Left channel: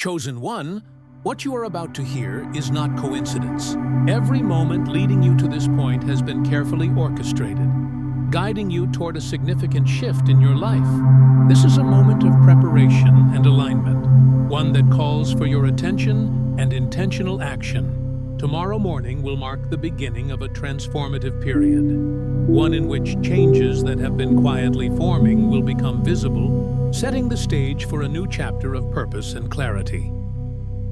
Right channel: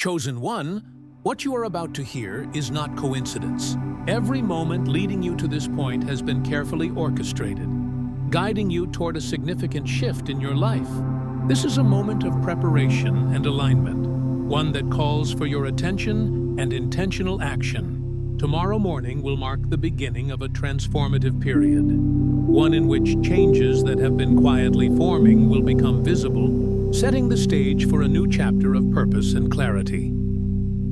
Chosen one, what you are about to hear is not coincidence. Every moment leading you to this point has been carefully orchestrated, guiding you toward a significant shift in your life. This is a moment of preparation and alignment, one that calls for your attention and intentional action. Tomorrow morning will mark the beginning of a transformative period, one in which changes that have been quietly forming will become visible, setting the stage for a new chapter of purpose and clarity.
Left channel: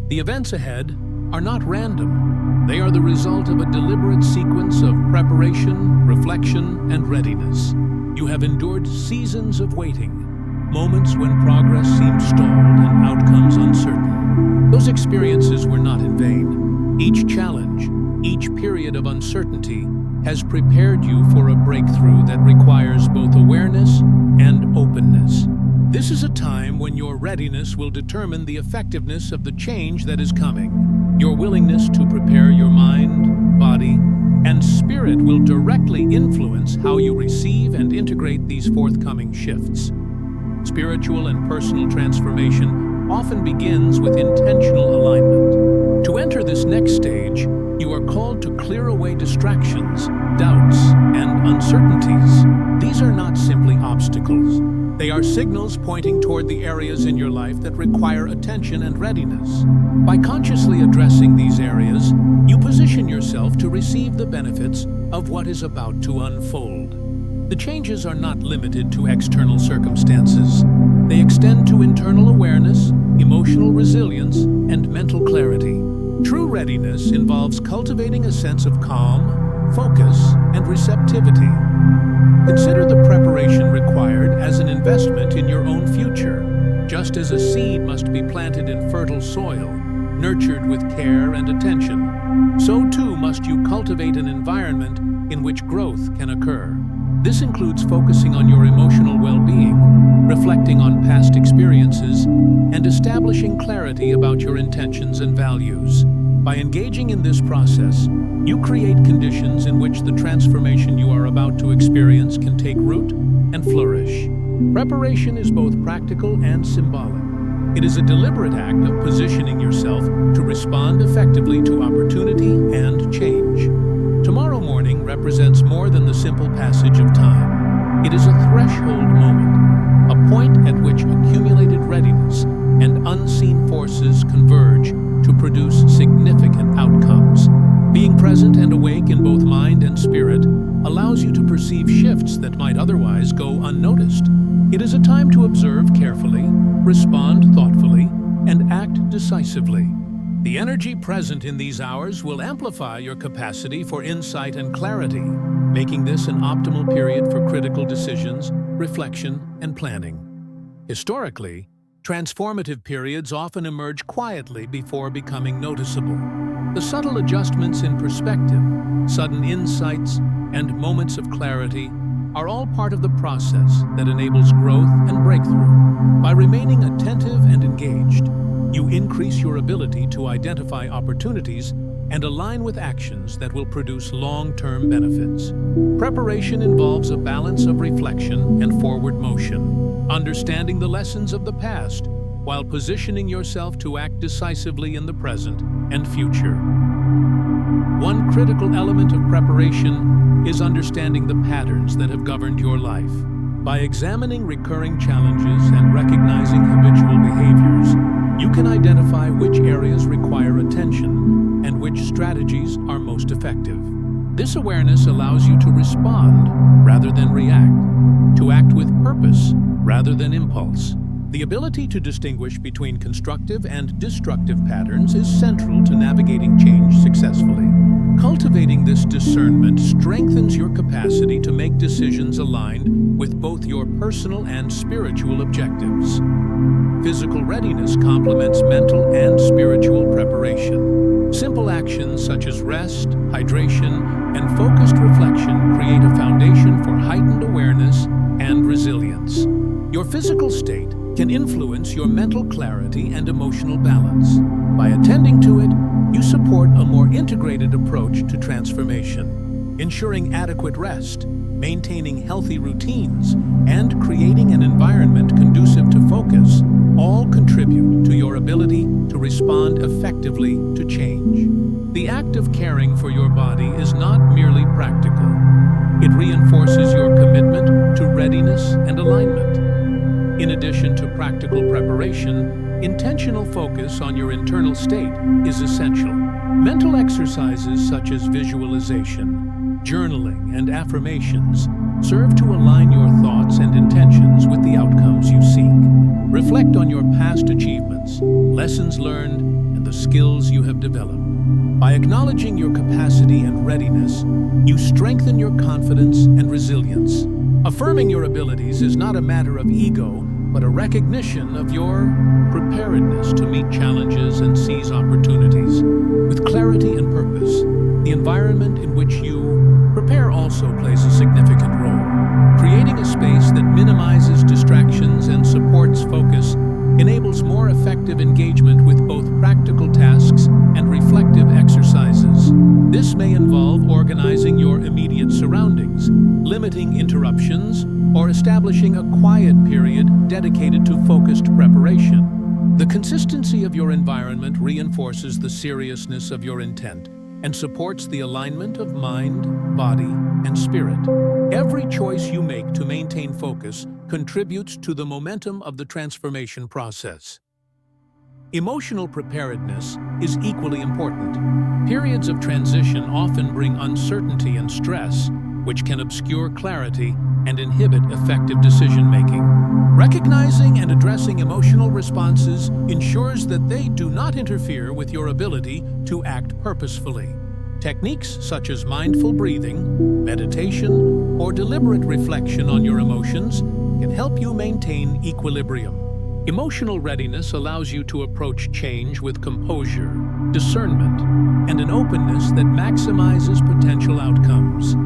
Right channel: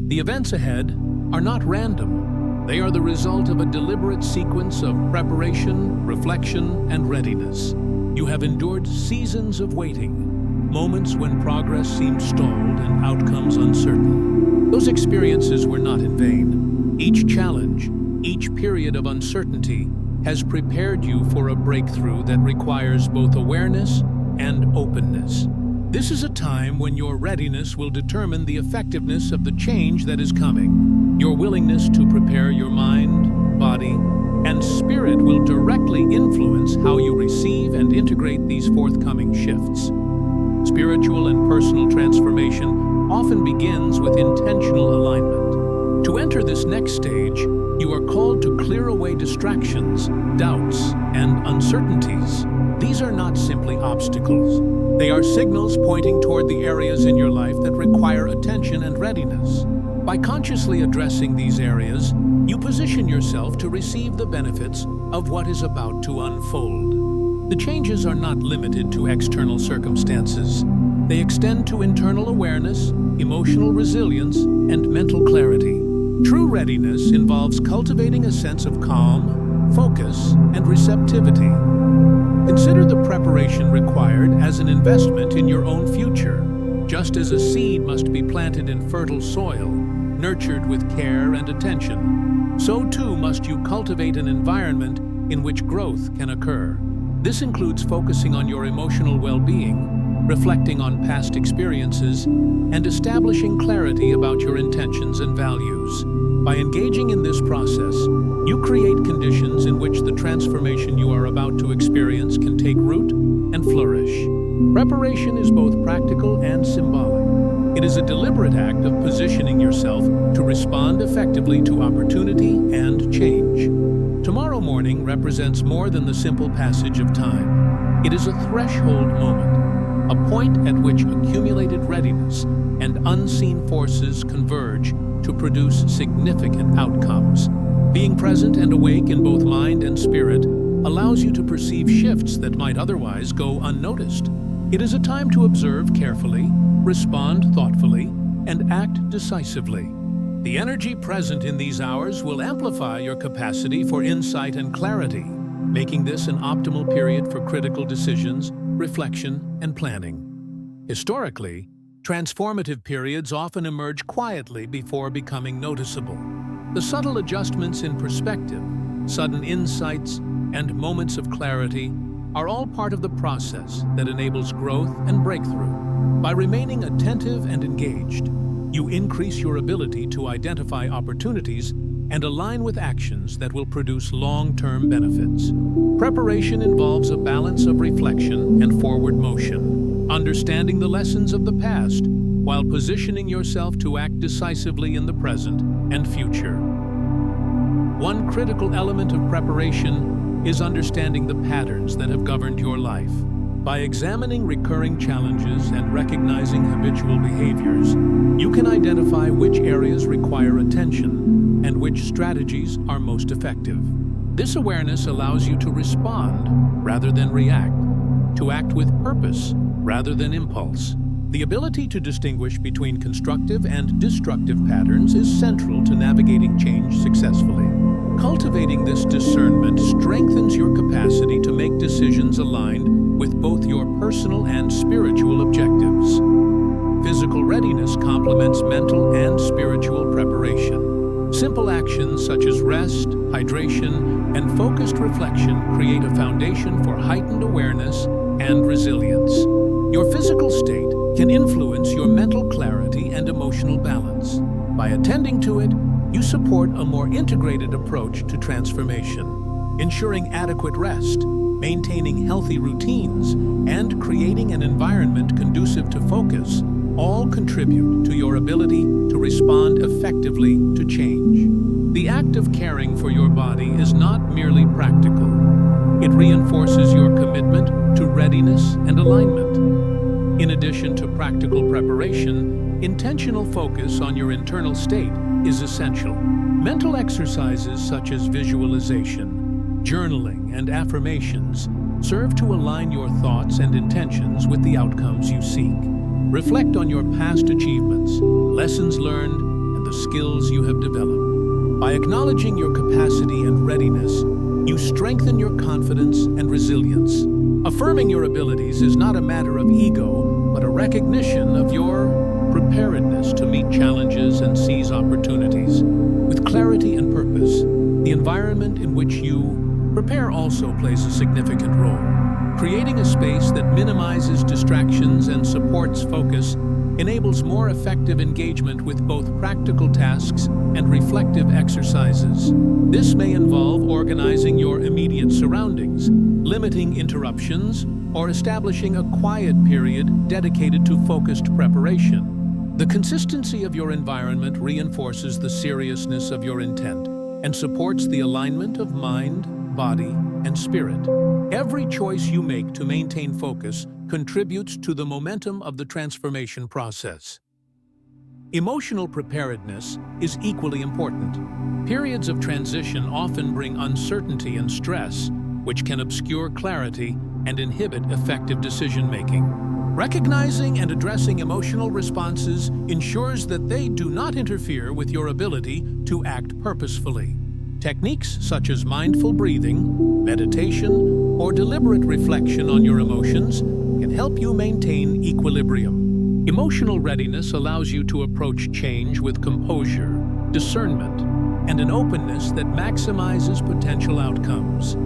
The events ahead are not random. They are the result of a deliberate sequence of preparation, reflection, and readiness. You have endured seasons of waiting, moments when progress seemed stalled and outcomes uncertain. Those experiences were not in vain. Each challenge, each period of uncertainty has prepared you for a breakthrough that requires both awareness and openness. This is a time when your readiness will determine the effectiveness of the change that is coming. Your willingness to prepare your mind, body, and spirit will directly influence how you receive and integrate these forthcoming shifts. Spiritual and personal transformation often begins with intentional alignment. To enter this next stage, you are called to clear away distractions, doubts, and uncertainties. These are not simply obstacles. They are signals pointing toward the areas in your life that require attention and readiness. By consciously addressing these areas, you position yourself to receive the benefits of what is about to unfold. The changes are not limited to external circumstances. They extend to internal awareness, emotional resilience, and mental clarity. True readiness involves cultivating a sense of calm, focus, and receptivity. Consider the preparation required as an investment in your own future. Just as a seed must be planted in fertile soil, nurtured with care and attention, so too must you cultivate an environment in which growth can occur. This includes focusing on your emotional well-being, reflecting on past experiences, and establishing clarity about your intentions and values. By engaging in this process, you create conditions in which the transformation you are about to experience can take root and flourish. Preparation is both practical and symbolic. It is a deliberate act of positioning yourself to respond effectively to opportunity and change. Tomorrow morning represents more than the simple passage of time. It is a threshold moment, a point at which accumulated readiness and unseen forces converge to produce significant outcomes. Being present and awake in both mind and spirit allows you to perceive shifts that might otherwise go unnoticed. It is a time to observe carefully, respond thoughtfully, and act decisively. The energy present in these hours will amplify your capacity for insight and clarity, making this an optimal period for critical decisions, reflection, and planning. Historically, transformative periods often emerge quietly before becoming noticeable. The subtle adjustments in perspective, sudden insights, and moments of clarity are all part of the process that enables growth and breakthrough. By remaining attentive and engaged, you increase your ability to identify opportunities and align with actions that will produce long-term benefits. Preparation involves a balance of reflection and forward motion, understanding the lessons of the past while positioning yourself to act decisively in the present and future. One critical element of preparation is understanding the patterns that have governed your life. By examining recurring challenges and recognizing habitual behaviors, you can identify which areas require attention and which strategies are most effective. This awareness allows you to respond rather than react, to act with purpose rather than impulse. The ability to distinguish between constructive and destructive patterns is central to navigating change successfully. Cultivating this discernment strengthens your capacity to make decisions aligned with both your personal and spiritual objectives. Physical readiness complements mental and spiritual preparation. Simple actions such as rest, hydration, and focused reflection create a foundation for heightened awareness and resilience. Your physical state can influence your mental clarity and emotional balance. By attending to it, you support a more integrated approach to transformation, ensuring adequate rest, maintaining healthy routines, and creating an environment conducive to focus all contribute to your ability to respond effectively to change. The act of caring for your body is not merely practical. It reinforces your commitment to readiness and alignment. In addition to practical preparation, intentional focus on your internal state is essential. Mental exercises such as visualization, journaling, and affirmations serve to align your thoughts and intentions with the outcomes you seek. Reflect on your past achievements, lessons learned, and the skills you have developed. By acknowledging your capacity and readiness, you strengthen your confidence and resilience. Affirming your abilities is not a matter of ego, but a recognition of your preparedness to meet challenges and seize opportunities. With clarity and purpose, the environment in which you prepare also plays a significant role. Creating a space that minimizes distractions and supports focus enables more effective engagement with both practical tasks and reflective exercises. This may involve organizing your immediate surroundings, limiting interruptions, or establishing a quiet period dedicated to focused preparation. The consistency of your environment reinforces the seriousness of your intent and supports the alignment of mind, body, and spirit. Every choice you make to maintain focus contributes to the momentum of the transformation process. Emotional preparedness is equally important. Periods of transition often bring uncertainty and stress, which can obscure clarity and inhibit effective decision-making. Recognizing and addressing emotional responses ensures that they do not interfere with your ability to act purposefully. Techniques such as mindful breathing, meditation, or deliberate reflection on your emotions can help you maintain equilibrium. Emotional readiness allows you to approach change with composure, discernment, and an openness that maximizes potential outcomes.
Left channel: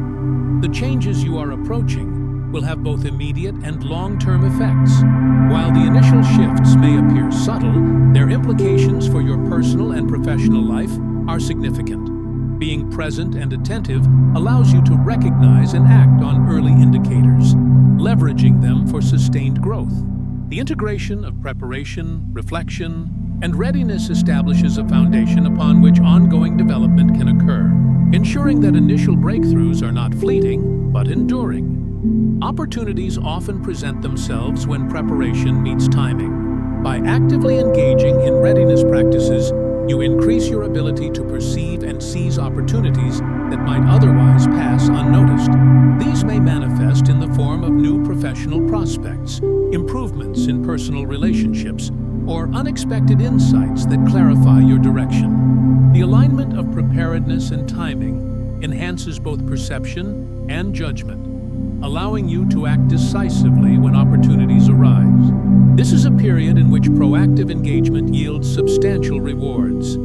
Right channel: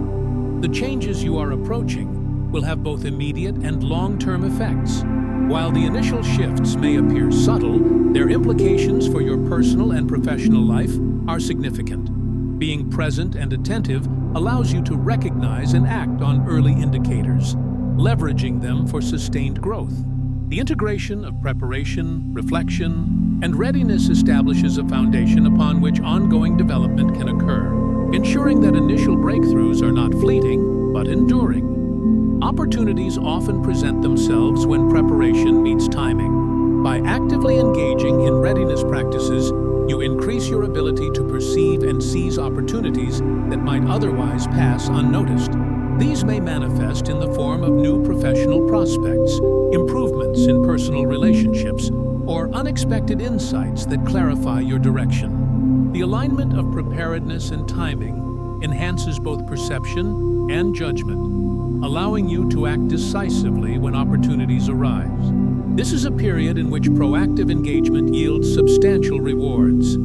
The changes you are approaching will have both immediate and long-term effects. While the initial shifts may appear subtle, their implications for your personal and professional life are significant. Being present and attentive allows you to recognize and act on early indicators, leveraging them for sustained growth. The integration of preparation, reflection, and readiness establishes a foundation upon which ongoing development can occur, ensuring that initial breakthroughs are not fleeting, but enduring. Opportunities often present themselves when preparation meets timing. By actively engaging in readiness practices, you increase your ability to perceive and seize opportunities that might otherwise pass unnoticed. These may manifest in the form of new professional prospects, improvements in personal relationships, or unexpected insights that clarify your direction. The alignment of preparedness and timing enhances both perception and judgment, allowing you to act decisively when opportunities arise. This is a period in which proactive engagement yields substantial rewards.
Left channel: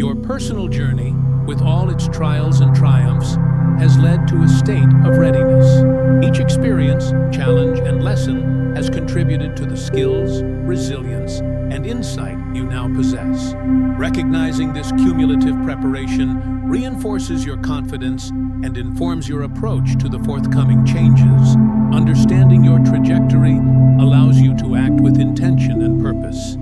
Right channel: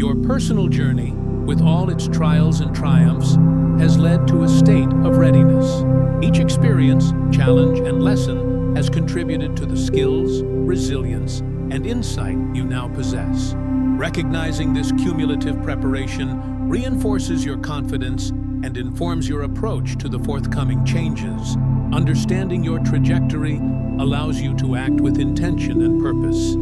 Your personal journey, with all its trials and triumphs, has led to a state of readiness. Each experience, challenge, and lesson has contributed to the skills, resilience, and insight you now possess. Recognizing this cumulative preparation reinforces your confidence and informs your approach to the forthcoming changes. Understanding your trajectory allows you to act with intention and purpose,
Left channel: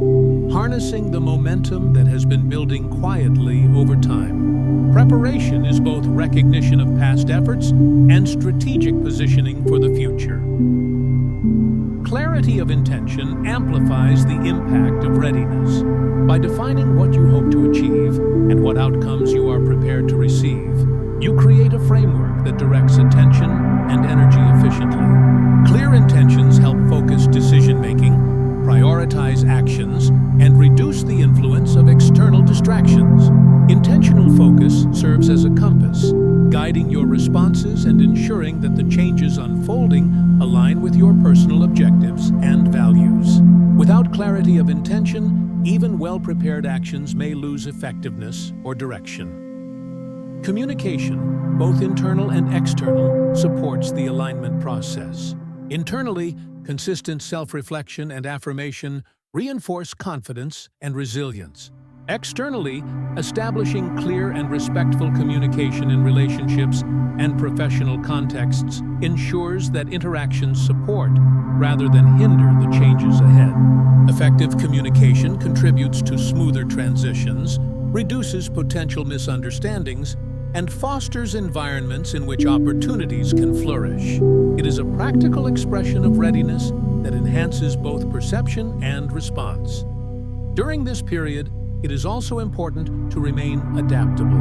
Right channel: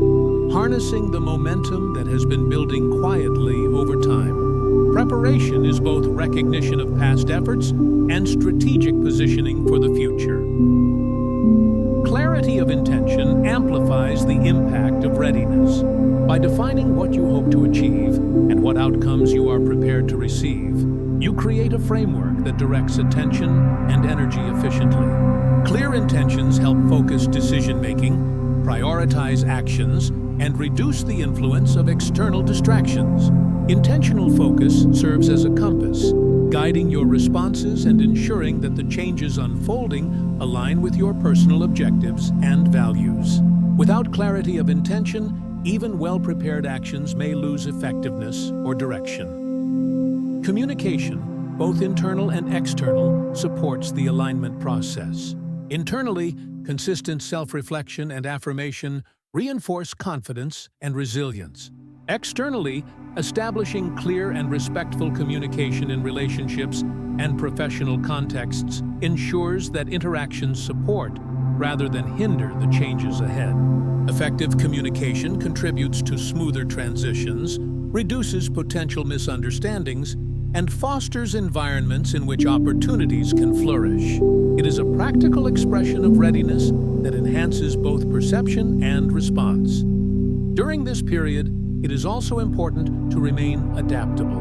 harnessing the momentum that has been building quietly over time. Preparation is both recognition of past efforts and strategic positioning for the future. Clarity of intention amplifies the impact of readiness. By defining what you hope to achieve and what outcomes you are prepared to receive, you create a framework that directs attention and energy efficiently. Clear intentions help focus decision-making, prioritize actions, and reduce the influence of external distractions. Intentional focus serves as a compass, guiding your responses and ensuring that the changes unfolding align with your personal objectives and values. Without clarity of intention, even well-prepared actions may lose effectiveness or direction. Communication, both internal and external, supports the alignment process. Internally, consistent self-reflection and affirmation reinforce confidence and resilience. Externally, establishing clear and respectful communication in relationships and professional contexts ensures that interactions support rather than hinder the changes ahead. Effective communication contributes to smoother transitions, reduces potential misunderstandings, and fosters environments in which opportunities can flourish. It is a practical expression of readiness that enhances both perception and response. During this period, it is also important to remain adaptable.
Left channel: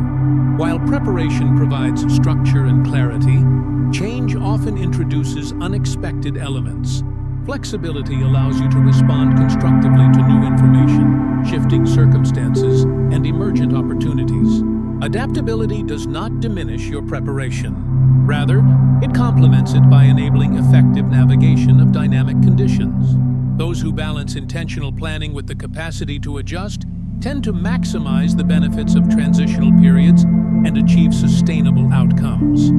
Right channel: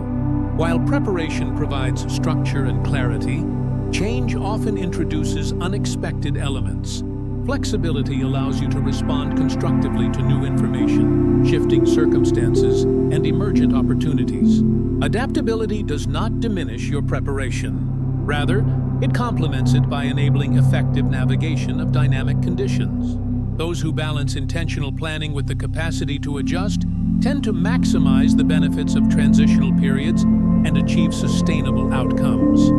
While preparation provides structure and clarity, change often introduces unexpected elements. Flexibility allows you to respond constructively to new information, shifting circumstances, and emergent opportunities. Adaptability does not diminish your preparation. Rather, it complements it by enabling effective navigation of dynamic conditions. Those who balance intentional planning with the capacity to adjust tend to maximize the benefits of transitional periods and achieve sustainable outcomes.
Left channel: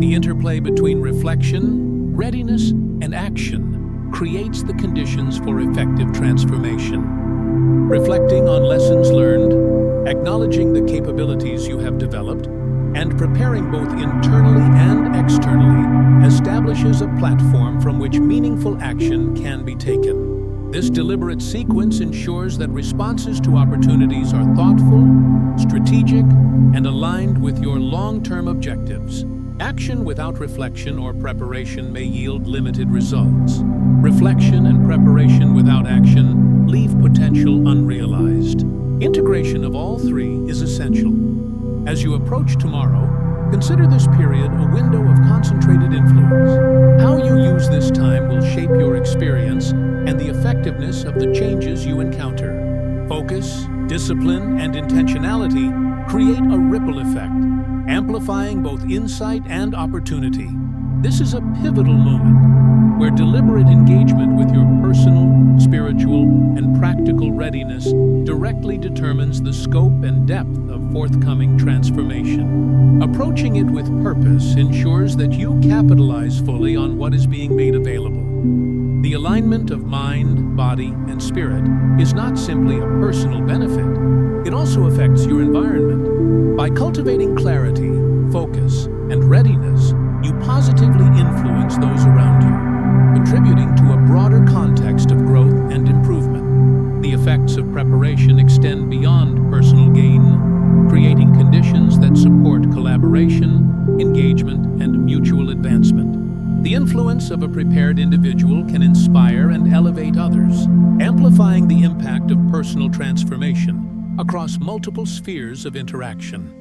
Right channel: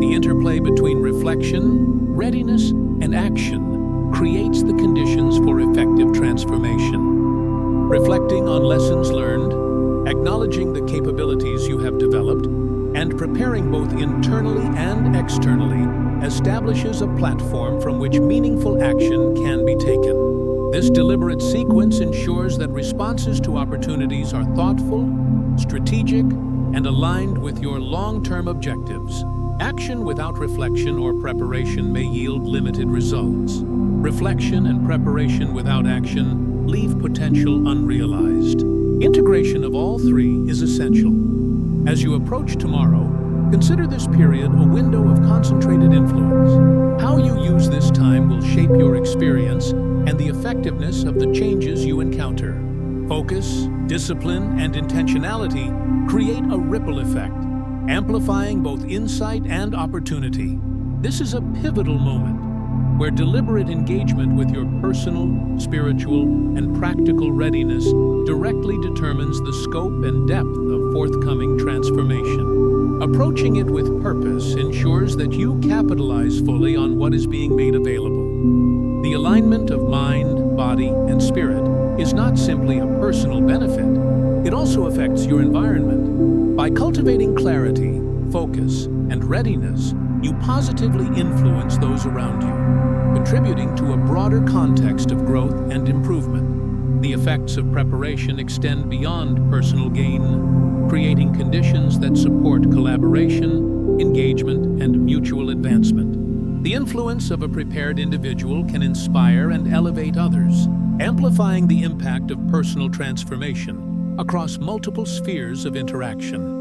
The interplay between reflection, readiness, and action creates the conditions for effective transformation. Reflecting on lessons learned, acknowledging the capabilities you have developed, and preparing both internally and externally establishes a platform from which meaningful action can be taken. This deliberate sequence ensures that responses to opportunities are thoughtful, strategic, and aligned with your long-term objectives. Action without reflection or preparation may yield limited results. Reflection and preparation without action leave potential unrealized. Integration of all three is essential. As you approach tomorrow, consider this period a window of concentrated influence. How you use this time will shape your experience and the effectiveness of the changes you encounter. Focus, discipline, and intentionality create a ripple effect, amplifying both insight and opportunity. This is a pivotal moment where deliberate engagement with your personal, spiritual, and practical readiness directly determines the scope and depth of forthcoming transformation. Approaching it with purpose ensures that you capitalize fully on what is being made available. The alignment of mind, body, and spirit is not simply a personal benefit, it also affects your environment. By cultivating clarity, focus, and readiness, you positively influence those around you, contributing to a broader context of growth and improvement. The effects of preparation extend beyond personal gain, creating conditions that support collaboration, engagement, and mutual advancement. The influence of a prepared individual can inspire and elevate others, amplifying the impact of personal transformation across multiple spheres of interaction.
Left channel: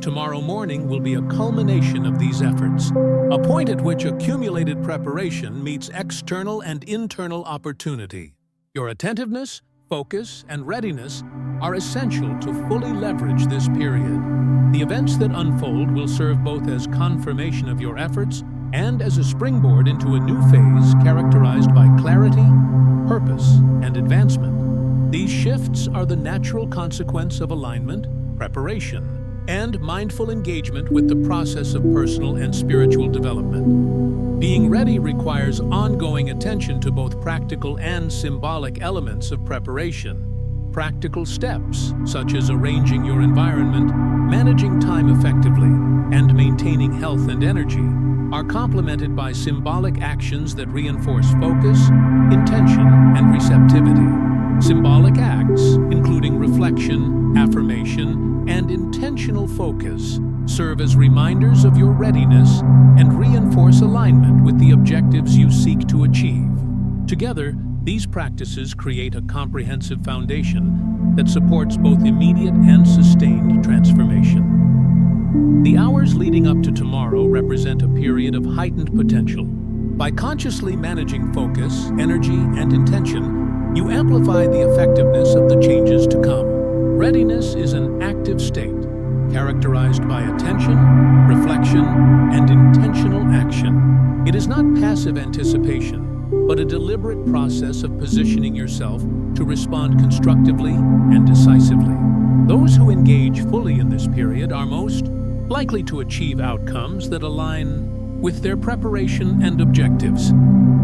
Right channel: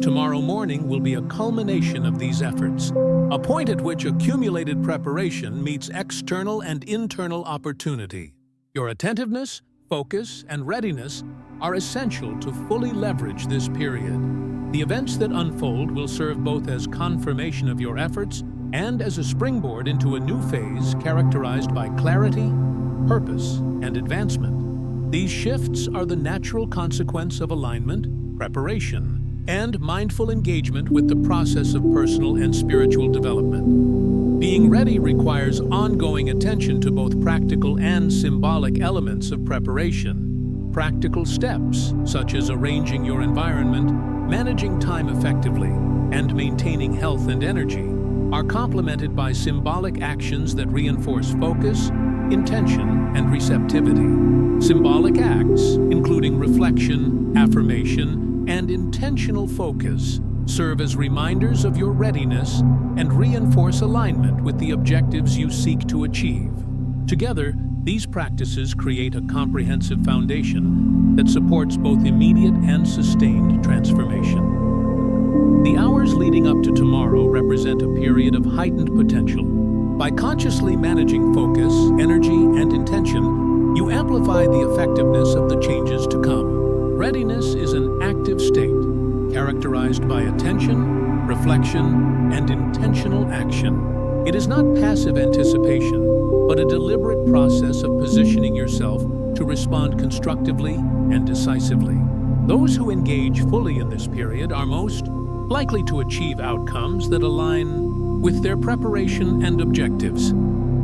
Tomorrow morning will be a culmination of these efforts, a point at which accumulated preparation meets external and internal opportunity. Your attentiveness, focus, and readiness are essential to fully leverage this period. The events that unfold will serve both as confirmation of your efforts and as a springboard into a new phase characterized by clarity, purpose, and advancement. These shifts are the natural consequence of alignment, preparation, and mindful engagement with the process of personal and spiritual development. Being ready requires ongoing attention to both practical and symbolic elements of preparation. Practical steps, such as arranging your environment, managing time effectively, and maintaining health and energy, are complemented by symbolic actions that reinforce focus, intention, and receptivity. Symbolic acts, including reflection, affirmation, and intentional focus, serve as reminders of your readiness and reinforce alignment with the objectives you seek to achieve. Together, these practices create a comprehensive foundation that supports both immediate and sustained transformation. The hours leading up to tomorrow represent a period of heightened potential. By consciously managing focus, energy, and intention, you amplify the effectiveness of the changes to come. Readiness is an active state, characterized by attention, reflection, and intentional action. It is not passive anticipation, but a deliberate process of positioning yourself to respond constructively and decisively. Those who engage fully in this period are most likely to achieve outcomes that align with their preparation and objectives.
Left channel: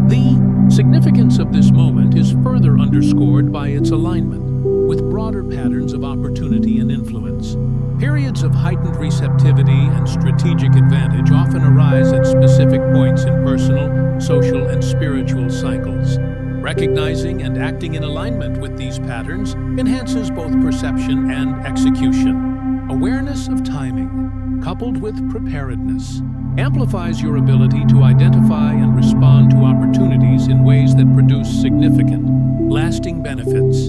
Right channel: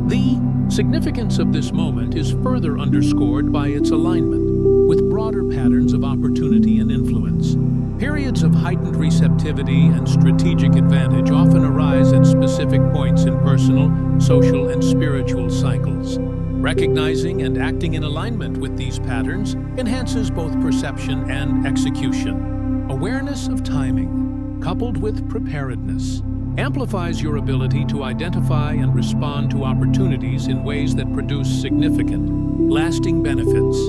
The significance of this moment is further underscored by its alignment with broader patterns of opportunity and influence. Periods of heightened receptivity and strategic advantage often arise at specific points in personal, social, and spiritual cycles. Recognizing and acting in alignment with these patterns enhances both perception and execution. Awareness of timing, coupled with preparedness, amplifies your ability to identify and respond to opportunities in ways that produce significant, lasting benefits.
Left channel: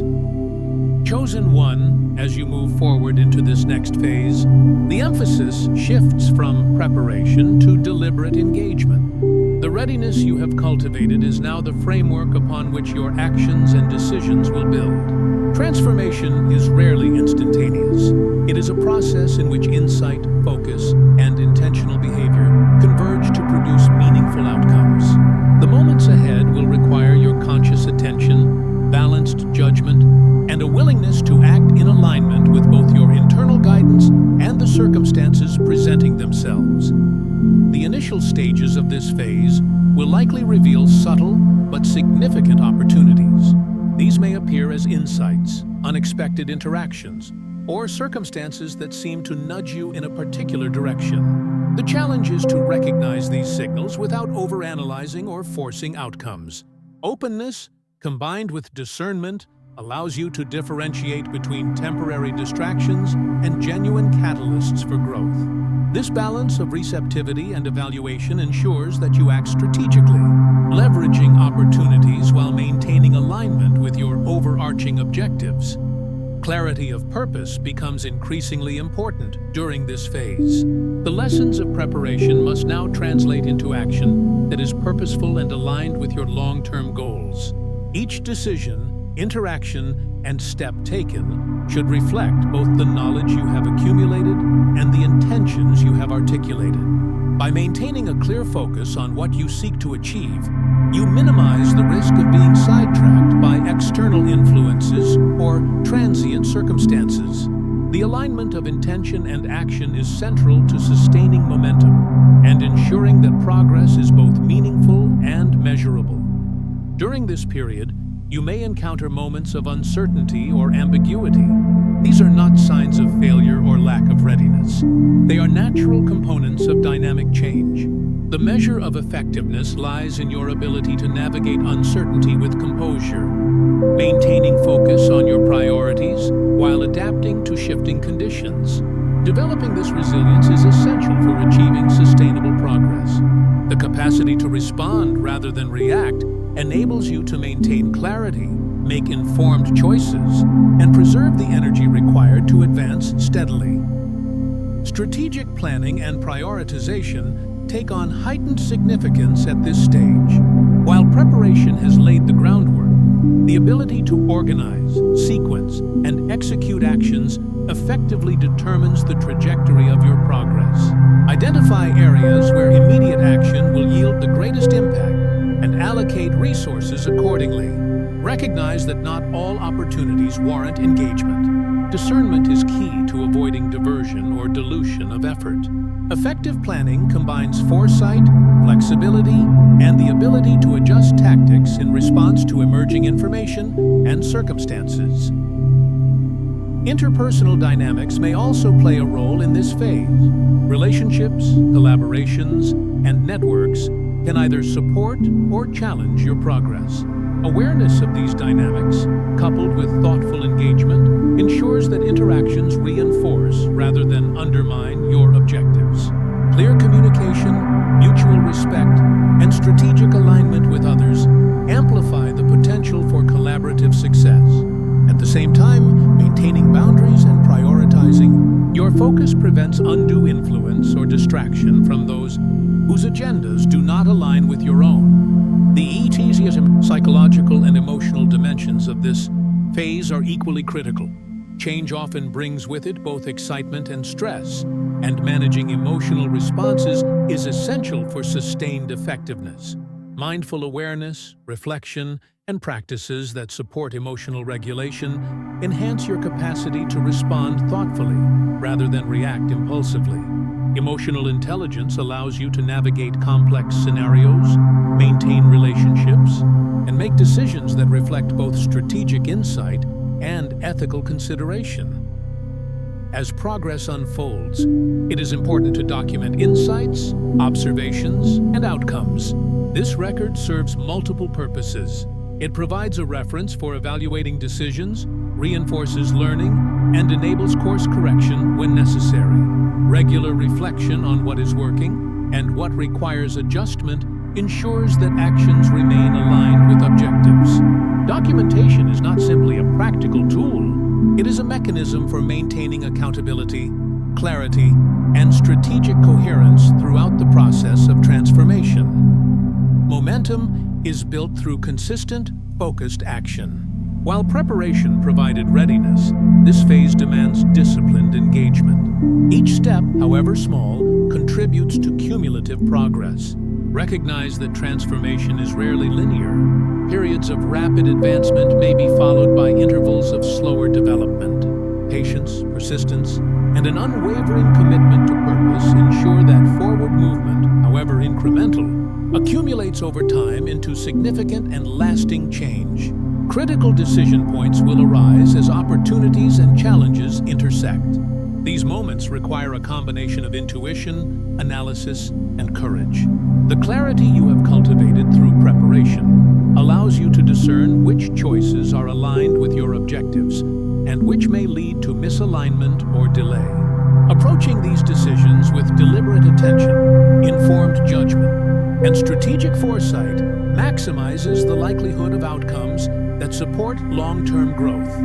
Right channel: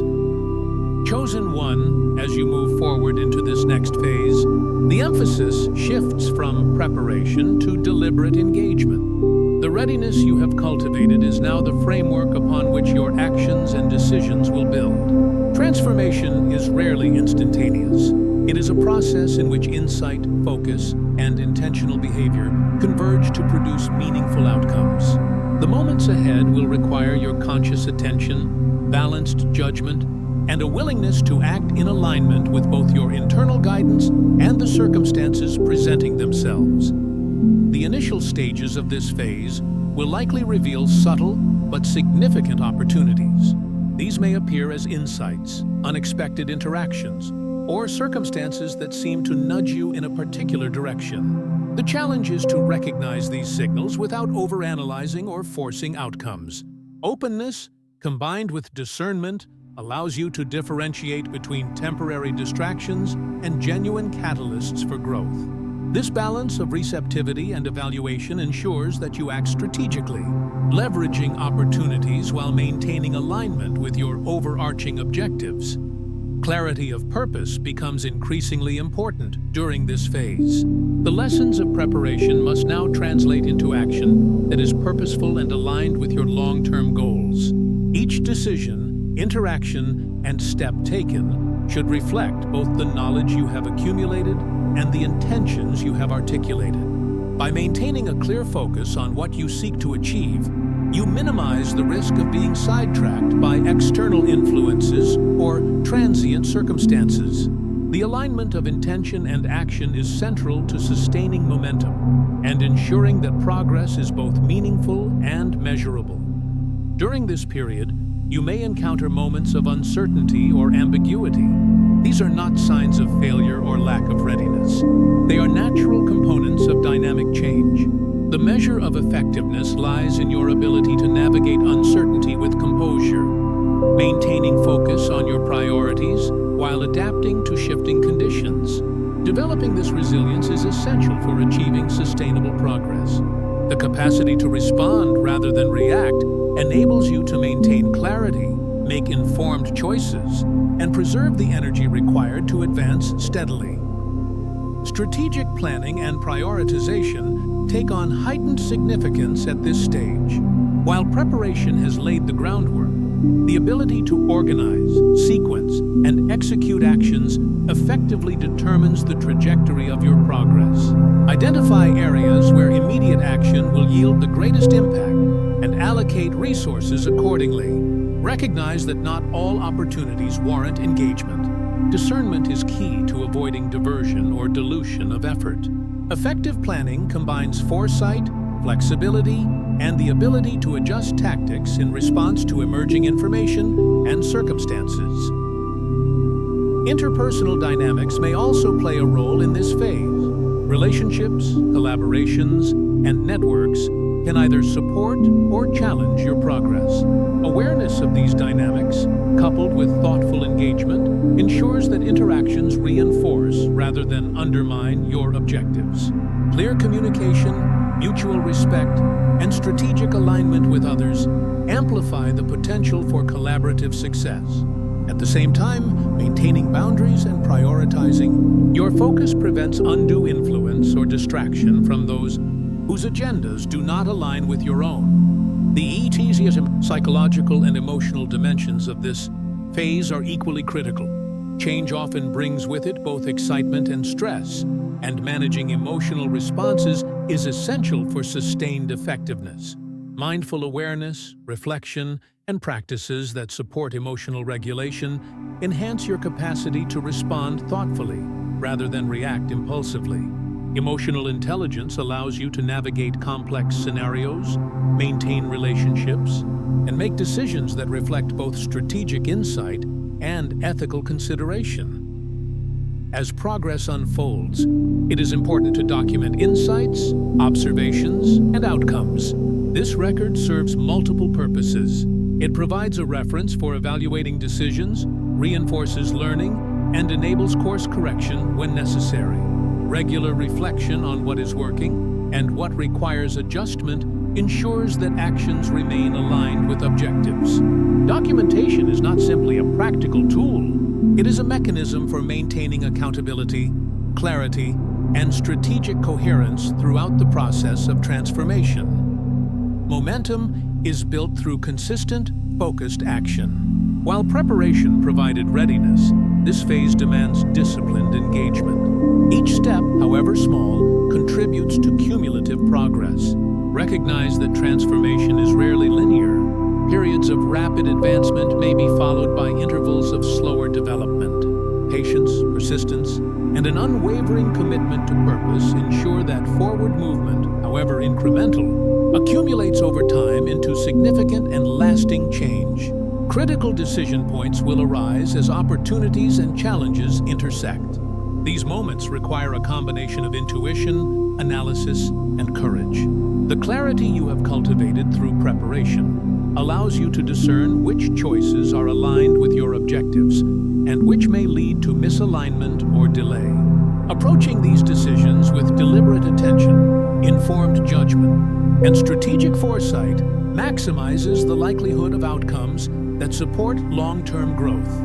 Chosen one, as you move forward into this next phase, the emphasis shifts from preparation to deliberate engagement. The readiness you have cultivated is now the framework upon which your actions and decisions will build. Transformation is rarely instantaneous. It is a process in which insight, focus, and intentional behavior converge to produce meaningful outcomes. The moments ahead will require your conscious attention, balanced judgment, and a willingness to act in alignment with both your internal guidance and the circumstances presenting themselves. The initial stages of this phase will likely reveal subtle but significant opportunities. These may appear as insights, unexpected interactions, or circumstances that seem to nudge you in a particular direction. The challenge is to recognize these signals without overanalyzing or forcing outcomes. Openness, combined with discernment, allows you to differentiate between temporary distractions and genuine catalysts for growth. This balance of receptivity and evaluation ensures that you act strategically, leveraging opportunities while maintaining alignment with your overarching objectives. Clarity of purpose becomes increasingly important during this phase. The lessons of preparation must now translate into action that is purposeful and aligned with your long-term goals. Each decision, interaction, and step taken should reflect both the knowledge you have accumulated and the intentions you have articulated. By maintaining a clear focus on what you seek to achieve, you minimize the risk of being sidetracked by external influences or transient circumstances. The alignment of intention and action is central to sustaining momentum and ensuring that progress is both meaningful and measurable. During this period, you may encounter moments of uncertainty or ambiguity. These are not signs of failure or lack of readiness. They are natural components of dynamic change. The measure of effectiveness lies in your ability to navigate uncertainty with composure, maintaining focus on your priorities while adapting to shifting conditions. Developing this resilience is essential for achieving sustainable progress. The capacity to respond rather than react enables you to maintain clarity, make informed choices, and preserve the energy required to advance steadily. Strategic planning and prioritization take on heightened significance at this stage. While preparation has laid the groundwork, the ability to organize, sequence, and execute actions effectively determines the trajectory of your progress. Identify areas where immediate action will yield the greatest impact and allocate resources accordingly. Recognize that not all opportunities warrant engagement. Discernment is key to avoiding diversion or dilution of effort. Effective planning combines foresight, flexibility, and the ability to adjust tactics in response to emerging information and circumstances. Interpersonal dynamics may also play a role in this phase. Relationships, collaborations, and networks can either support or challenge your progress. Awareness of these dynamics, coupled with thoughtful engagement, ensures that interactions reinforce rather than undermine your objectives. Clear communication, mutual respect, and strategic alignment with others amplify the potential for collaborative success. At the same time, maintaining boundaries and prioritizing your focus prevents undue influence or distraction from those whose agendas do not align with your own. The psychological and emotional dimensions of this phase are equally critical. Change often brings with it both excitement and stress, and managing emotional responses is essential for sustained effectiveness. Mindful awareness, reflection, and practices that support emotional regulation enhance your capacity to respond thoughtfully rather than react impulsively. Emotional intelligence allows you to navigate complex scenarios, maintain relationships, and make decisions that reflect both strategic insight and ethical consideration. As progress unfolds, it is important to document insights, observations, and outcomes. This record serves multiple purposes. It provides a reference for evaluating decisions, reinforces learning, and enables course correction when necessary. Regular reflection on what is working and what requires adjustment ensures that actions remain aligned with objectives. Documentation is not simply a practical tool, it is a mechanism for maintaining accountability, clarity, and strategic coherence throughout the process of transformation. Momentum is built through consistent, focused action. While preparation provided readiness, this phase demands disciplined engagement. Each step, however small, contributes to cumulative progress. Recognize that transformation is rarely linear. Periods of rapid advancement may be followed by intervals of slower development. Patience, persistence, and an unwavering commitment to purpose ensure that forward movement, however incremental, accumulates over time into significant and lasting change. Critical decision points will arise as opportunities and challenges intersect. These moments require a combination of intuition, analysis, and courage. The clarity you have cultivated through preparation allows you to discern which choices are aligned with your objectives and which may lead to misalignment or delay. Approaching these decisions with deliberate attention, informed judgment, and strategic foresight maximizes the likelihood of outcomes that support long-term growth.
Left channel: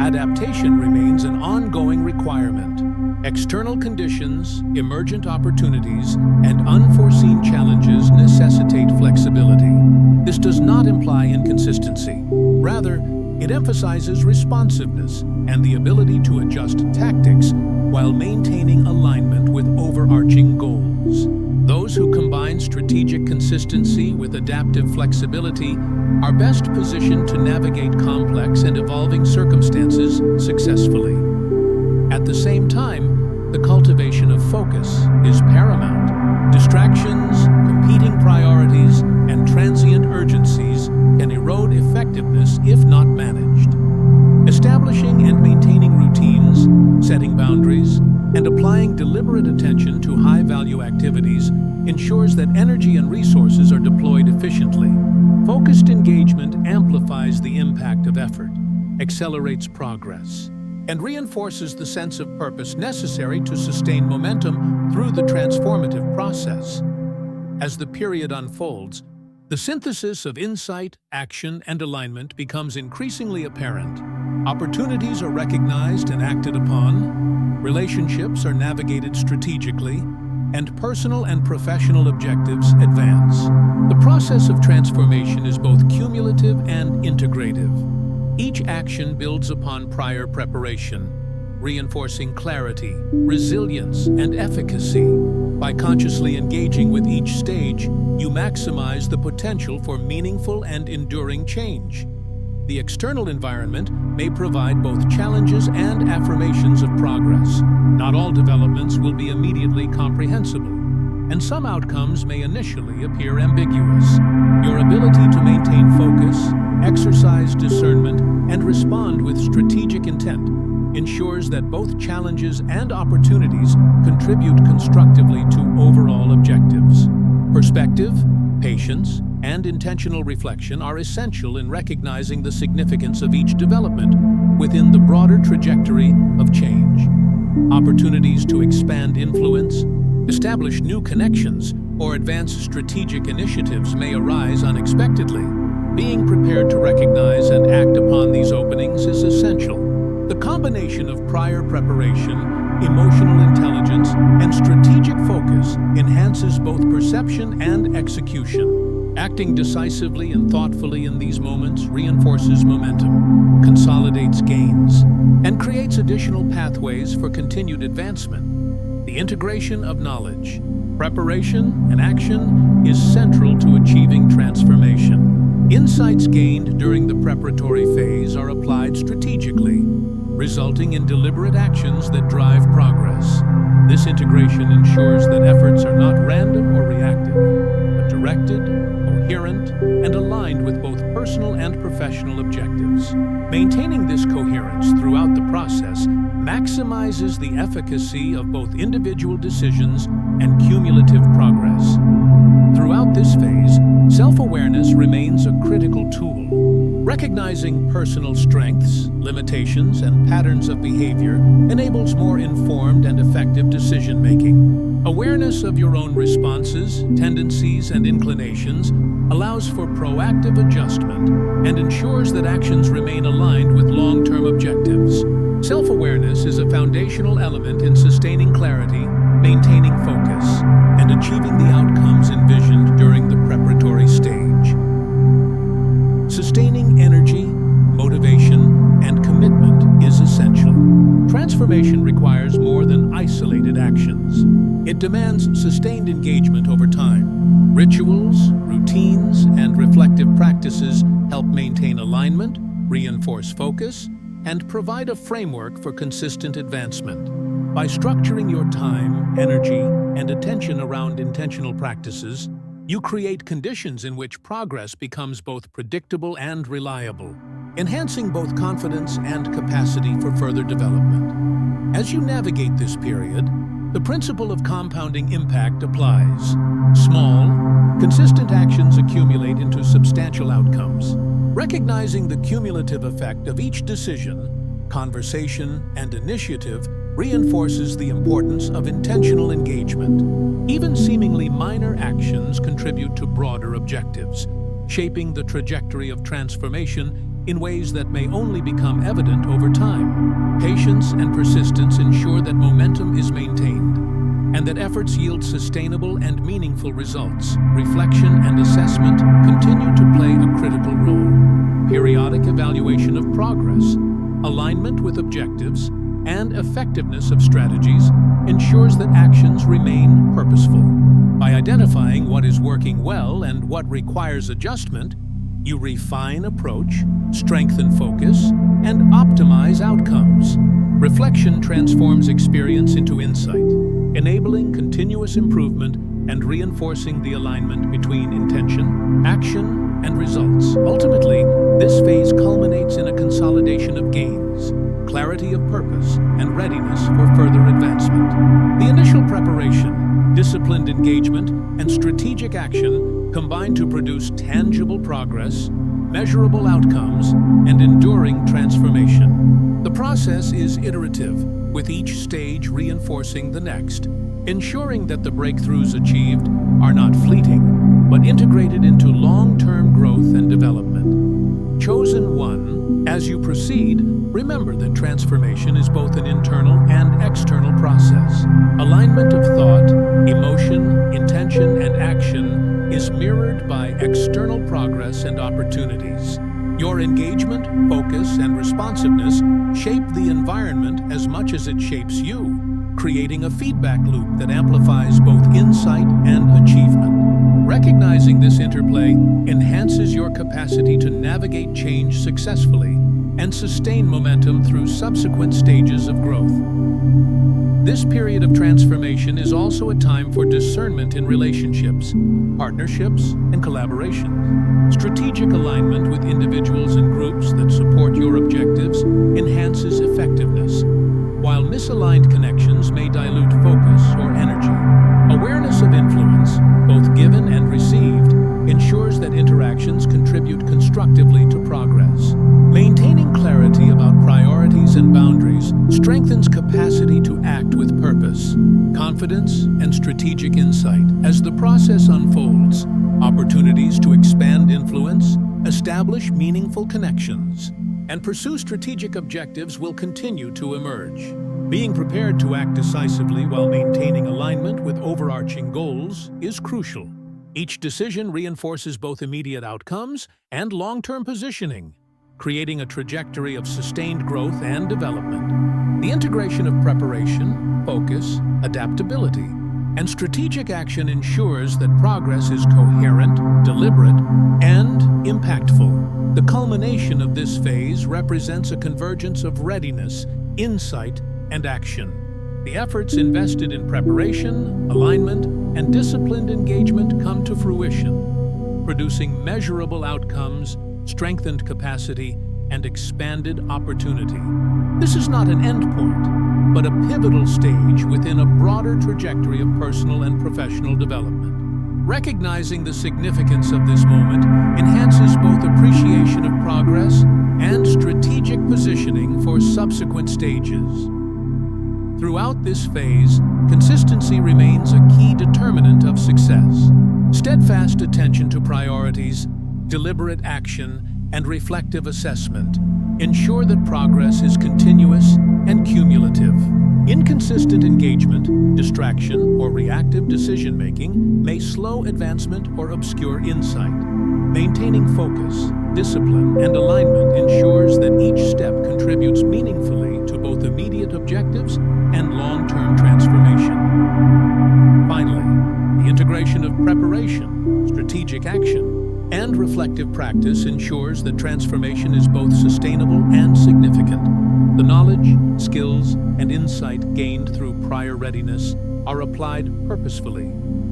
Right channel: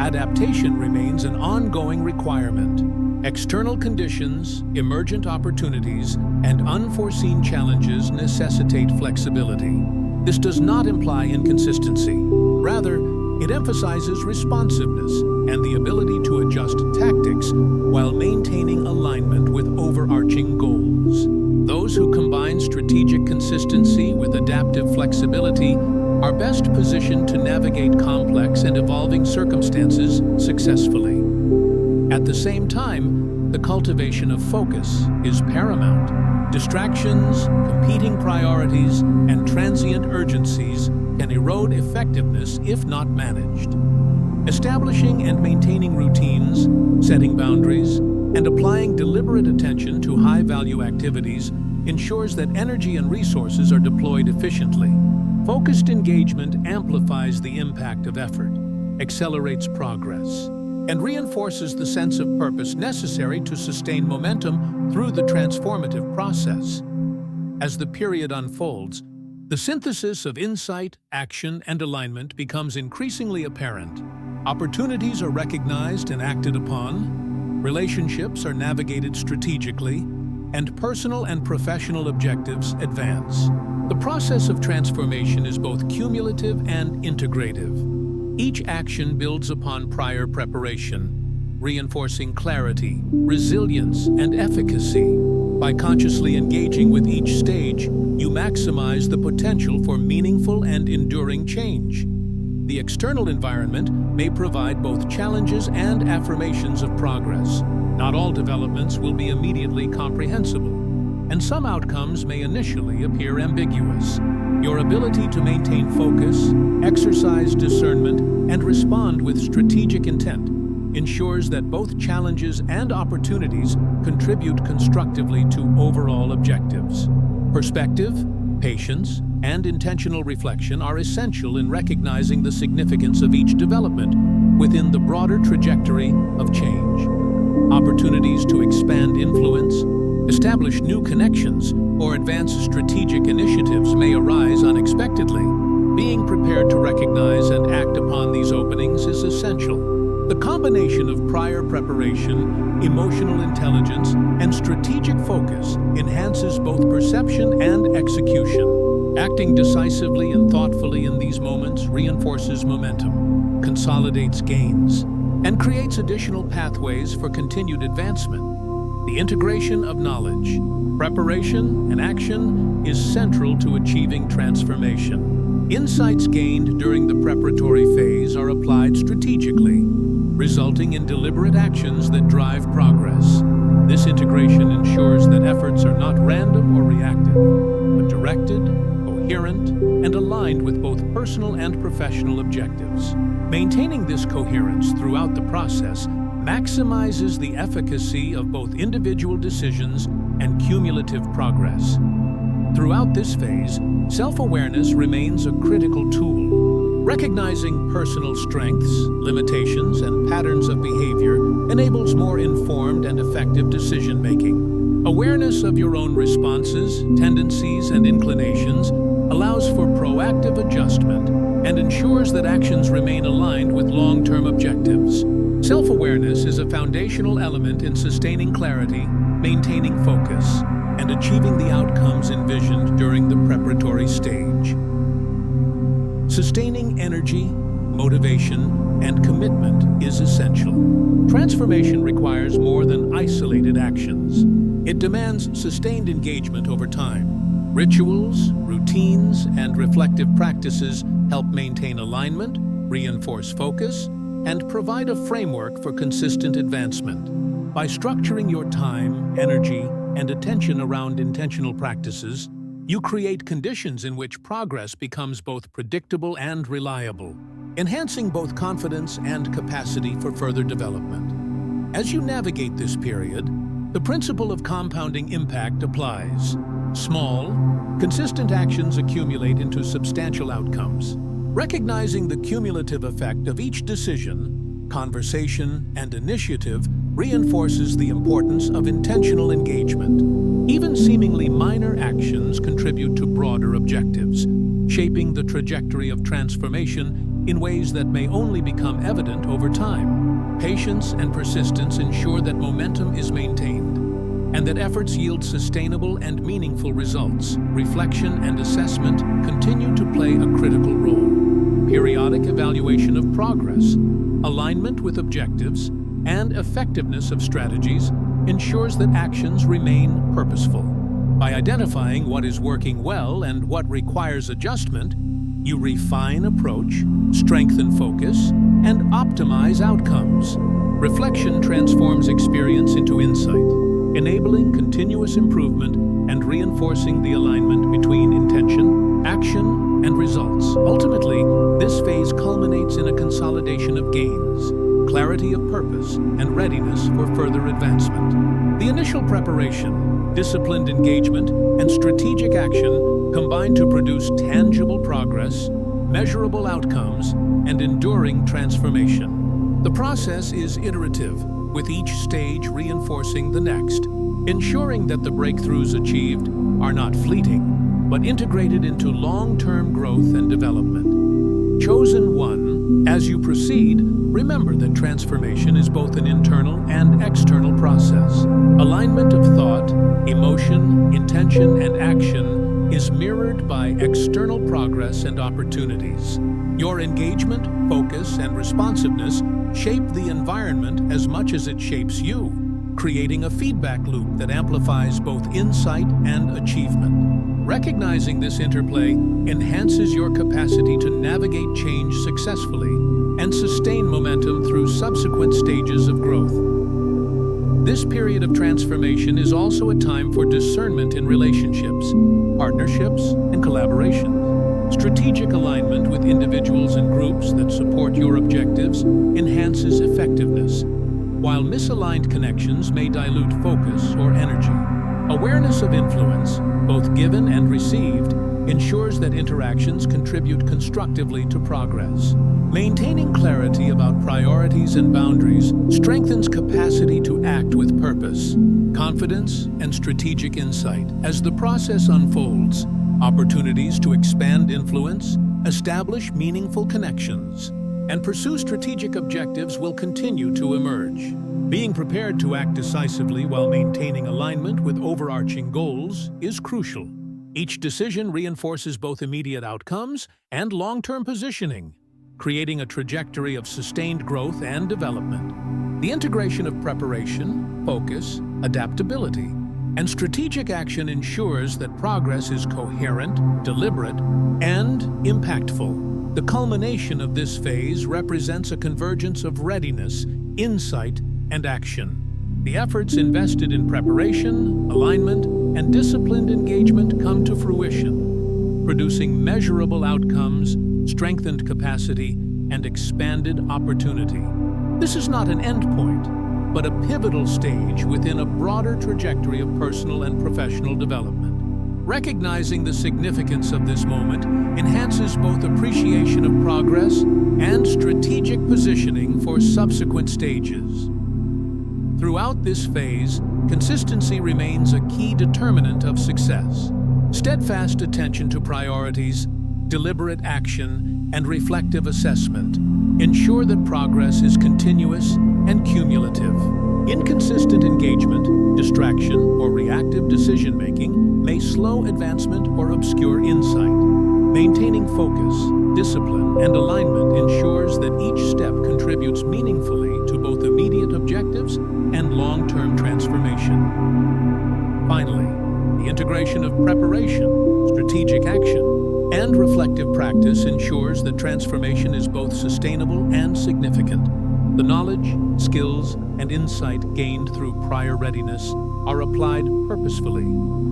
Adaptation remains an ongoing requirement. External conditions, emergent opportunities, and unforeseen challenges necessitate flexibility. This does not imply inconsistency. Rather, it emphasizes responsiveness and the ability to adjust tactics while maintaining alignment with overarching goals. Those who combine strategic consistency with adaptive flexibility are best positioned to navigate complex and evolving circumstances successfully. At the same time, the cultivation of focus is paramount. Distractions, competing priorities, and transient urgencies can erode effectiveness if not managed. Establishing and maintaining routines, setting boundaries, and applying deliberate attention to high-value activities ensures that energy and resources are deployed efficiently. Focused engagement amplifies the impact of effort, accelerates progress, and reinforces the sense of purpose necessary to sustain momentum through the transformative process. As the period unfolds, the synthesis of insight, action, and alignment becomes increasingly apparent. Opportunities are recognized and acted upon, relationships are navigated strategically, and personal and professional objectives advance. The process of transformation is both cumulative and integrative. Each action builds upon prior preparation, reinforcing clarity, resilience, and efficacy. By consciously engaging with each stage, you maximize the potential for meaningful and enduring change. The external environment may provide both challenges and affirmations of progress. Not all developments will be immediately comprehensible, and some outcomes may initially appear ambiguous. Your ability to maintain focus, exercise discernment, and respond with strategic intent ensures that both challenges and opportunities contribute constructively to overall objectives. Perspective, patience, and intentional reflection are essential in recognizing the significance of each development within the broader trajectory of change. Opportunities to expand influence, establish new connections, or advance strategic initiatives may arise unexpectedly. Being prepared to recognize and act upon these openings is essential. The combination of prior preparation, emotional intelligence, and strategic focus enhances both perception and execution. Acting decisively and thoughtfully in these moments reinforces momentum, consolidates gains, and creates additional pathways for continued advancement. The integration of knowledge, preparation, and action is central to achieving transformation. Insights gained during the preparatory phase are applied strategically, resulting in deliberate actions that drive progress. This integration ensures that efforts are not random or reactive, but directed, coherent, coherent, and aligned with both personal and professional objectives. Maintaining this coherence throughout the process maximizes the efficacy of both individual decisions and cumulative progress. Throughout this phase, self-awareness remains a critical tool. Recognizing personal strengths, limitations, and patterns of behavior enables more informed and effective decision-making. Awareness of your own responses, tendencies, and inclinations allows for proactive adjustment and ensures that actions remain aligned with long-term objectives. Self-awareness is a foundational element in sustaining clarity, maintaining focus, and achieving the outcomes envisioned during the preparatory stage. Sustaining energy, motivation, and commitment is essential. Transformation requires more than isolated actions. It demands sustained engagement over time. Rituals, routines, and reflective practices help maintain alignment, reinforce focus, and provide a framework for consistent advancement. By structuring your time, energy, and attention around intentional practices, you create conditions in which progress becomes both predictable and reliable, enhancing both confidence and capacity for further development. As you navigate this period, the principle of compounding impact applies. Small, consistent actions accumulate into substantial outcomes. Recognizing the cumulative effect of each decision, conversation, and initiative reinforces the importance of intentional engagement. Even seemingly minor actions contribute to broader objectives, shaping the trajectory of transformation in ways that may only become evident over time. Patience and persistence ensure that momentum is maintained, and that efforts yield sustainable and meaningful results. Reflection and assessment continue to play a critical role. Periodic evaluation of progress, alignment with objectives, and effectiveness of strategies ensures that actions remain purposeful. By identifying what is working well and what requires adjustment, you refine approach, strengthen focus, and optimize outcomes. Reflection transforms experience into insight, enabling continuous improvement and reinforcing the alignment between intention, action, and results. Ultimately, this phase culminates in a consolidation of gains, clarity of purpose, and readiness for further advancement. The initial preparation, disciplined engagement, and strategic action combine to produce tangible progress, measurable outcomes, and enduring transformation. The process is iterative, with each stage reinforcing the next, ensuring that the breakthroughs achieved are not fleeting, but integrated into long-term growth and development. Chosen one, as you proceed, remember that transformation is both an internal and external process. Alignment of thought, emotion, intention, and action is mirrored by external progress and opportunities. Your engagement, focus, and responsiveness shape the environment as much as it shapes you, creating a feedback loop that amplifies both insight and achievement. Recognizing this interplay enhances your capacity to navigate change successfully and sustain momentum through subsequent stages of growth. This period of transformation is also a time for discernment in relationships, partnerships, and collaboration. Strategic alignment with individuals and groups that support your objectives enhances effectiveness, while misaligned connections may dilute focus or energy. Awareness of influence, both given and received, ensures that interactions contribute constructively to progress. Maintaining clarity about priorities and boundaries strengthens capacity to act with purpose, confidence, and strategic insight. As the process unfolds, opportunities to expand influence, establish meaningful connections, and pursue strategic objectives will continue to emerge. Being prepared to act decisively while maintaining alignment with overarching goals is crucial. Each decision reinforces both immediate outcomes and long-term positioning, creating a trajectory of sustained growth and development. The integration of preparation, focus, adaptability, and strategic action ensures that progress is coherent, deliberate, and impactful. The culmination of this phase represents a convergence of readiness, insight, and action. The efforts invested in preparation, alignment, and disciplined engagement come to fruition, producing measurable outcomes, strengthened capacity, and expanded opportunity. This is not an endpoint, but a pivotal stage within a broader trajectory of personal and professional development. Recognizing the significance of this moment enhances both appreciation of progress and strategic positioning for subsequent stages. Throughout this phase, consistency remains a key determinant of success. Steadfast attention to priorities, deliberate action, and reflective assessment ensure that progress is continuous and cumulative. Inconsistent engagement, distraction, or reactive decision-making may slow advancement or obscure insight. Maintaining focus, discipline, and alignment ensures that each step contributes meaningfully to both immediate objectives and long-term transformation. Finally, the integration of preparation, strategic action, and reflective practice ensures that transformation is both sustainable and significant. The knowledge, skills, and insight gained through prior readiness are applied purposefully,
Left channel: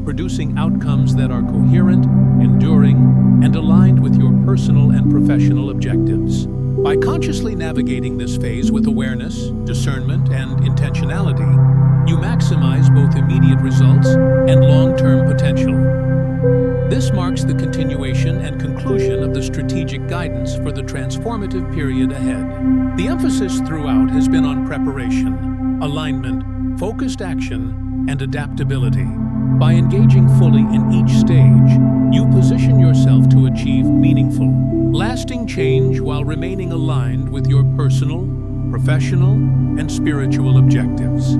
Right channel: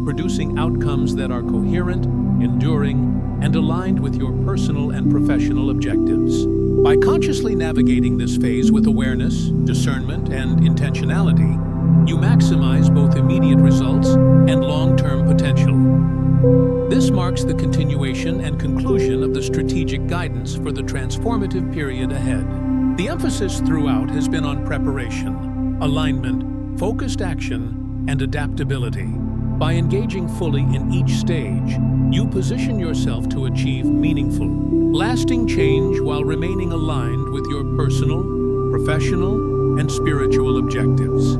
producing outcomes that are coherent, enduring, and aligned with your personal and professional objectives. By consciously navigating this phase with awareness, discernment, and intentionality, you maximize both immediate results and long-term potential. This marks the continuation and conclusion of the strategic guidance for the transformative period ahead. The emphasis throughout has been on preparation, alignment, focused action, and adaptability. By engaging fully in each stage, you position yourself to achieve meaningful, lasting change while remaining aligned with your personal, professional, and spiritual objectives.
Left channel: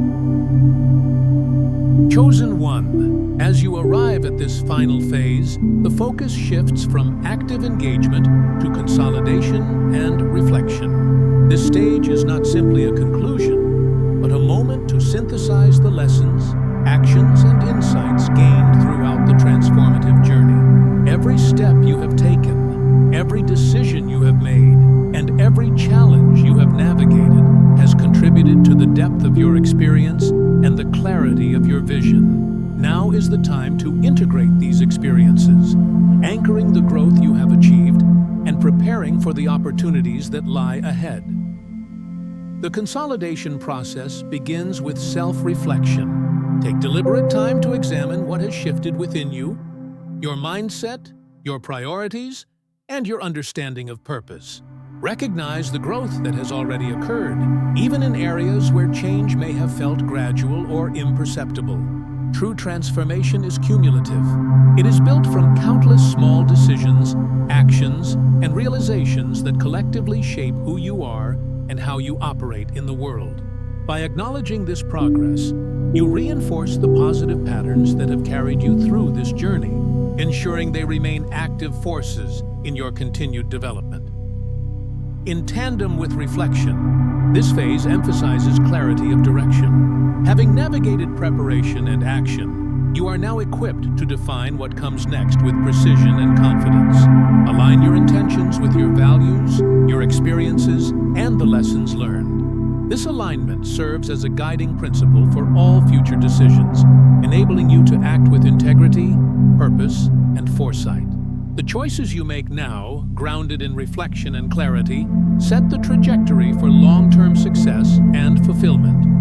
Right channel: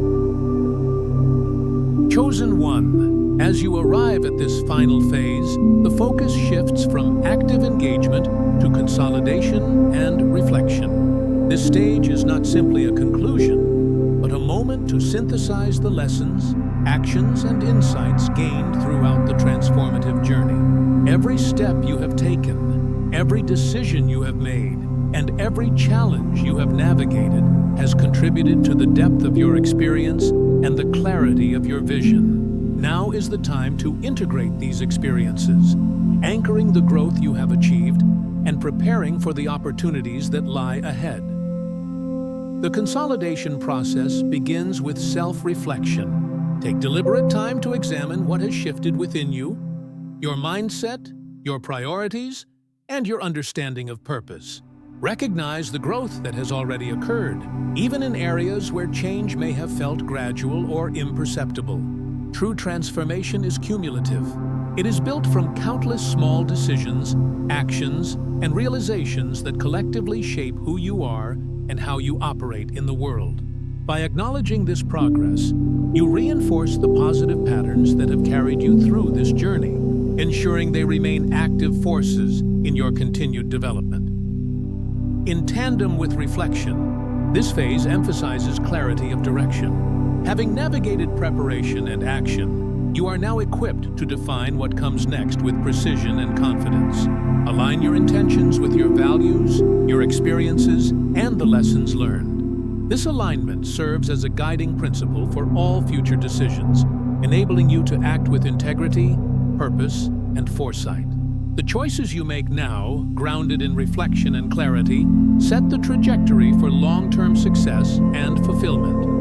Chosen one. As you arrive at this final phase, the focus shifts from active engagement to consolidation and reflection. This stage is not simply a conclusion, but a moment to synthesize the lessons, actions, and insights gained throughout the transformative journey. Every step you have taken, every decision you have made, and every challenge you have navigated has contributed to the depth of your experience and the clarity of your vision. Now is the time to integrate these experiences, anchoring the growth you have achieved and preparing for the opportunities that lie ahead. The consolidation process begins with self-reflection. Take deliberate time to examine what has shifted within you, your mindset, your priorities, and your understanding of purpose. Recognize the growth that has already occurred, even in areas where change may have felt gradual or imperceptible. True transformation is cumulative. It is built from countless small decisions, actions, and realizations that collectively shape who you are and how you operate in the world. By acknowledging this progress, you reinforce the positive patterns that have carried you through this journey, ensuring they remain active forces in your continued development. In tandem with reflection, this phase emphasizes clarity of direction. Having navigated preparation and action, you are now equipped to define what comes next with precision and confidence. Align your intentions with your values, your experiences, and the lessons learned. This alignment serves as a guiding principle for all future decisions, enabling you to act with integrity, purpose, and foresight. The choices you make now, grounded in reflection and clarity, set the trajectory for long-term success and fulfillment.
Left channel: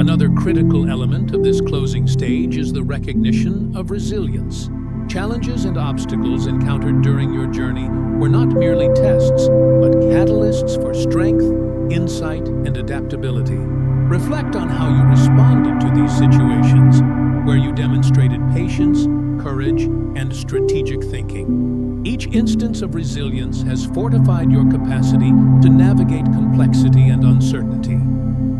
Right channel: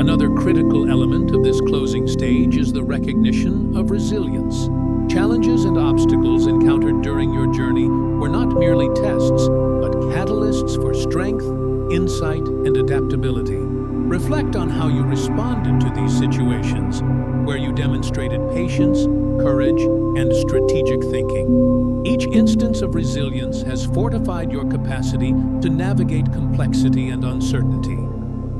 Another critical element of this closing stage is the recognition of resilience. Challenges and obstacles encountered during your journey were not merely tests, but catalysts for strength, insight, and adaptability. Reflect on how you responded to these situations, where you demonstrated patience, courage, and strategic thinking. Each instance of resilience has fortified your capacity to navigate complexity and uncertainty,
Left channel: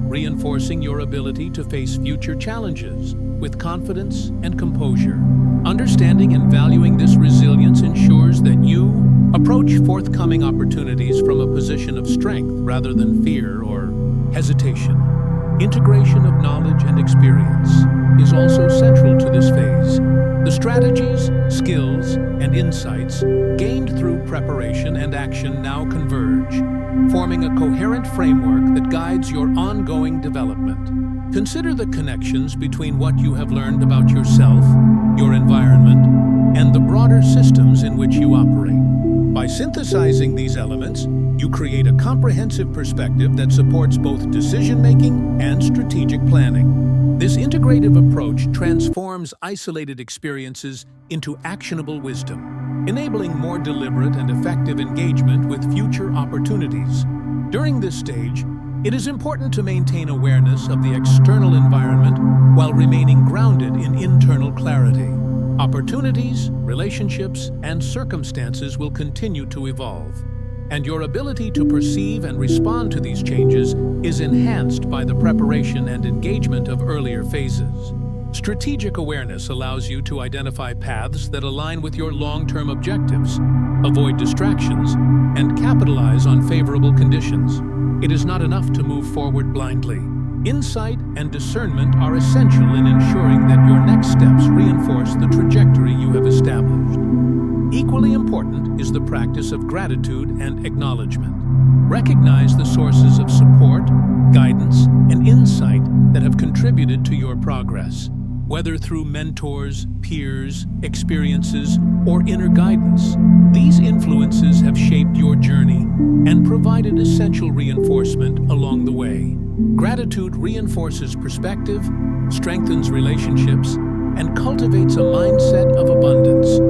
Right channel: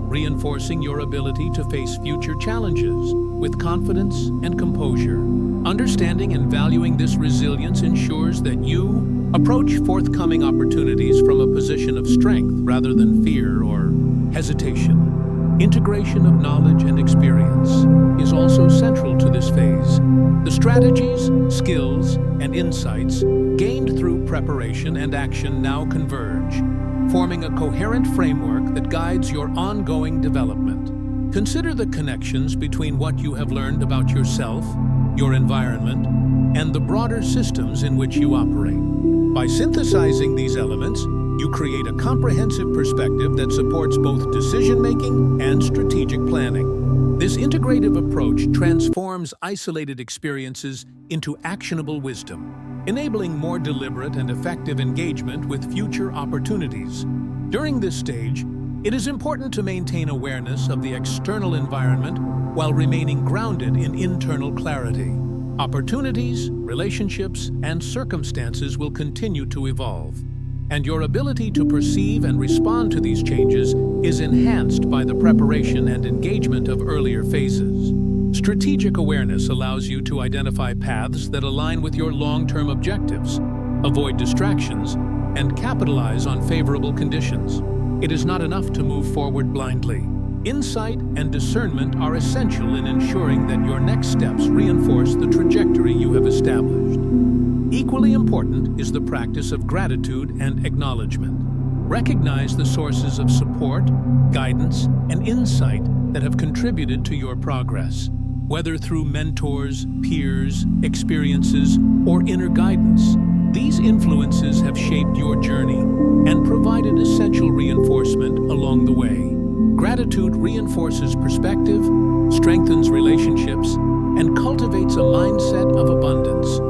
reinforcing your ability to face future challenges with confidence and composure. Understanding and valuing this resilience ensures that you approach forthcoming opportunities from a position of strength rather than fear or hesitation. Integration of knowledge and experience is also central to this phase. The strategies, skills, and insights gained through preparation and action now converge, forming a coherent framework that guides your ongoing development. Consider the connections between what you have learned about yourself, your environment, and the broader systems in which you operate. By synthesizing these elements, you create a comprehensive perspective that supports both decision-making and strategic planning. This integrative approach transforms isolated experiences into actionable wisdom, enabling more deliberate and effective engagement with future opportunities. During this stage, it is important to maintain awareness of the external environment while remaining grounded in internal clarity. Opportunities, relationships, and circumstances will continue to evolve, and your ability to perceive and respond to these changes is enhanced by the preparation and engagement of earlier phases. Strategic awareness allows you to identify paths that align with your long-term objectives, avoid distractions, and capitalize on favorable conditions. It is not enough to move forward blindly. Insight and discernment are essential in ensuring that your next steps reinforce the trajectory you have established. Equally important is the practice of gratitude and acknowledgement. Recognize the sources of support, guidance, and insight that have contributed to your progress, whether through mentors, peers, experiences, or inner guidance. These influences have shaped your journey and provided essential reinforcement along the way. Gratitude reinforces perspective, strengthens relationships, and cultivates a mindset of abundance.